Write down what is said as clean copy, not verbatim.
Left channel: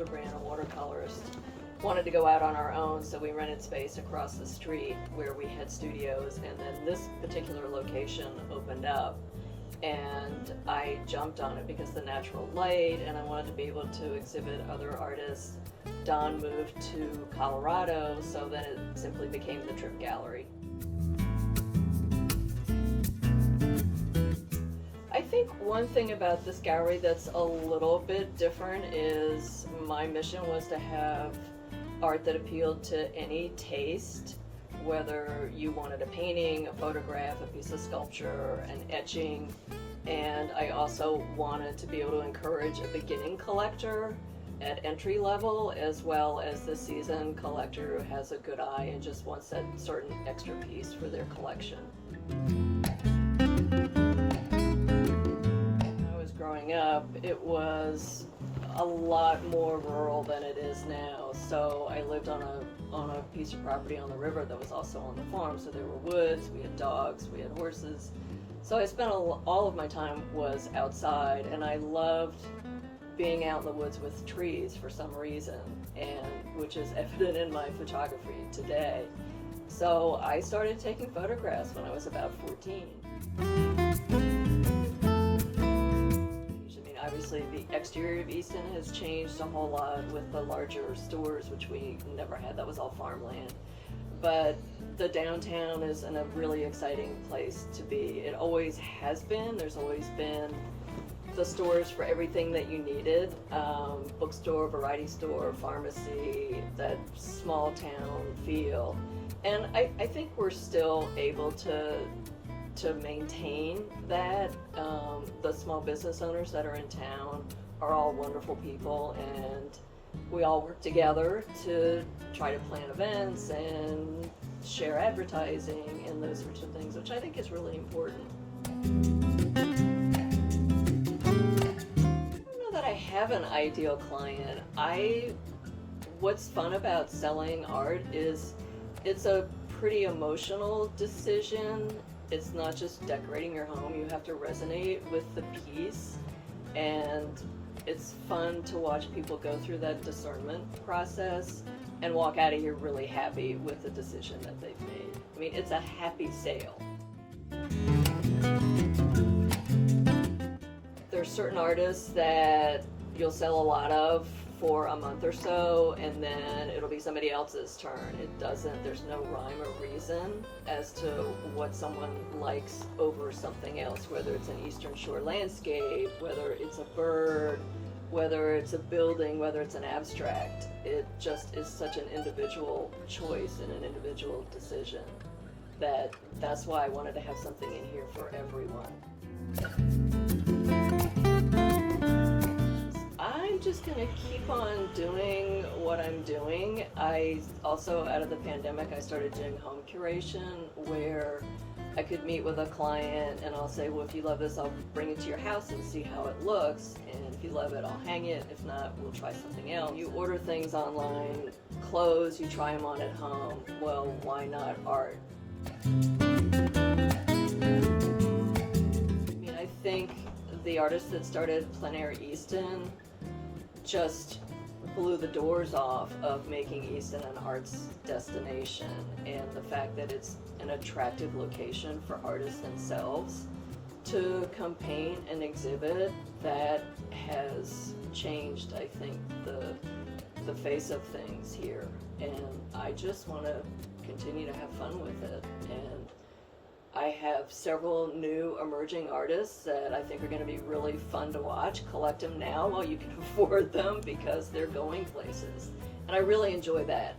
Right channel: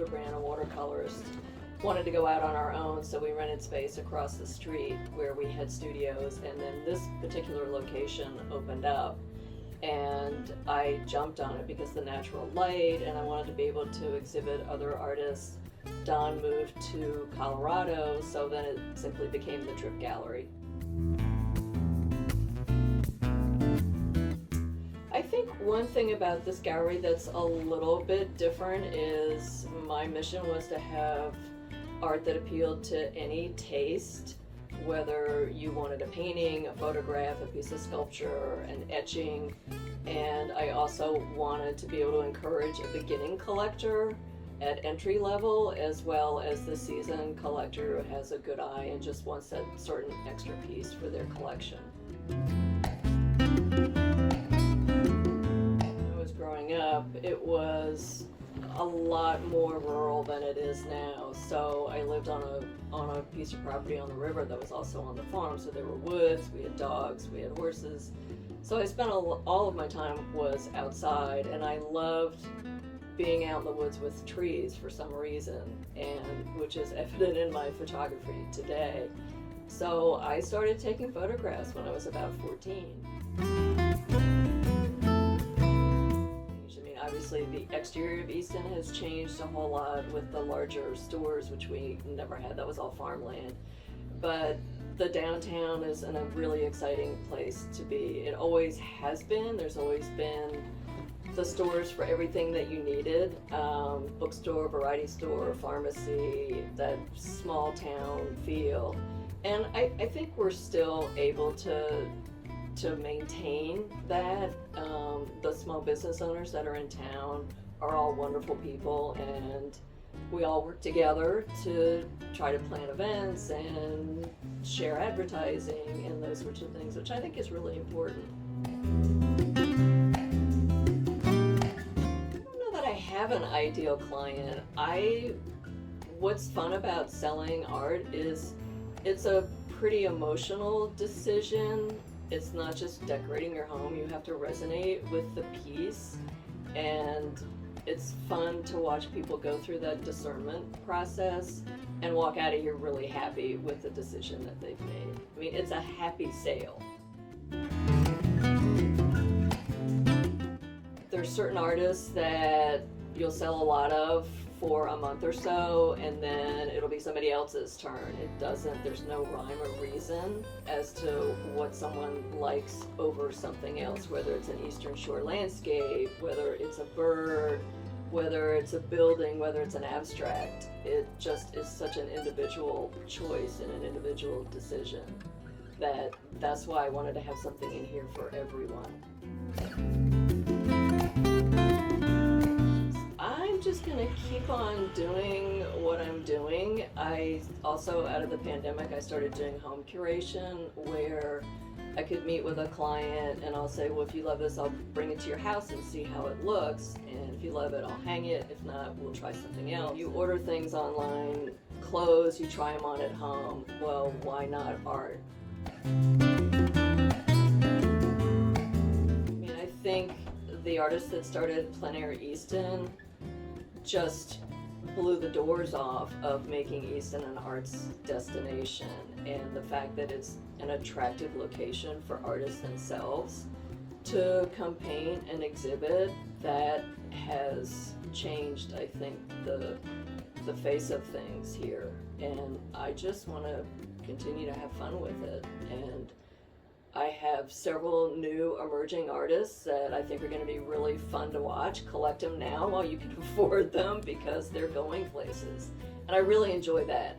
Hildebrand, a watercolorist, wanted to go out on our own, so we rented space across the street where we had studios, and then this particular location opened up, and I jumped on it because the natural light, and I wanted to be able to exhibit other artists. Don moved to Colorado, so then it simply became the Trippe Gallery. I think one thing about this gallery that's a little bit different is my mission was to have art that appealed to any taste, whether you wanted a painting, a photograph, a piece of sculpture, an etching, and I also wanted to be able to encourage a beginning collector at entry level, as well as the seasoned collector who has a good eye and just wants that certain extra piece for their collection. When I was growing up, it was a lot more rural than it is now. So I lived on a piece of property on the river that was also on the farm. So there were woods, we had dogs, we had horses. So I spent all of my time was outside, and I loved being out in the woods with trees for some reason, and which is evident in my photography today. So I started taking photographs when I was about 14. Obviously, the exterior of Easton has changed a whole lot with the larger stores, which we never had. That was all farmland. But the downtown is a really exciting place to be. It always has been. There's always been the stores for everything that you needed. Bookstore, variety store, pharmacy, that small town feel. And I think we're still able to maintain that. The small business owners that are in town are all wonderful people, and we all work together to try to plan events and share advertising and those sorts of things, which I think is really important. I don't know that I have an ideal client. What's fun about selling art is it's a pretty emotional decision. It's not just decorating your home. You have to resonate with the piece, and it's fun to watch people go through that discernment process and walk out of here really happy with the decision that they've made. I mean, it's a happy sale. There's certain artists that you'll sell a lot of for a month or so, and then it'll be somebody else's turn. There's no rhyme or reason as to what someone likes over something else, whether it's an Eastern Shore landscape, whether it's a bird, whether it's a building, whether it's an abstract. It just is such an individual choice and an individual decision that's why I wanted to have something in here for everyone. I'm just gonna keep on doing what I'm doing. I also, out of the pandemic, I started doing home curation, where I could meet with a client and I'll say, well, if you love this, I'll bring it to your house and see how it looks, and if you love it, I'll hang it. If not, we'll try something else. You order things online, clothes, you try them on at home. Well, why not art? I mean, I think the artist that started Plein Air Easton just blew the doors off of making Easton an arts destination, and the fact that it's an attractive location for artists themselves to come paint and exhibit, that has changed, I think, the face of things here, and I just want to continue to have fun with it. And I have several new emerging artists that I think are going to be really fun to watch. Collect them now while you can afford them, because they're going places. And I really enjoy that.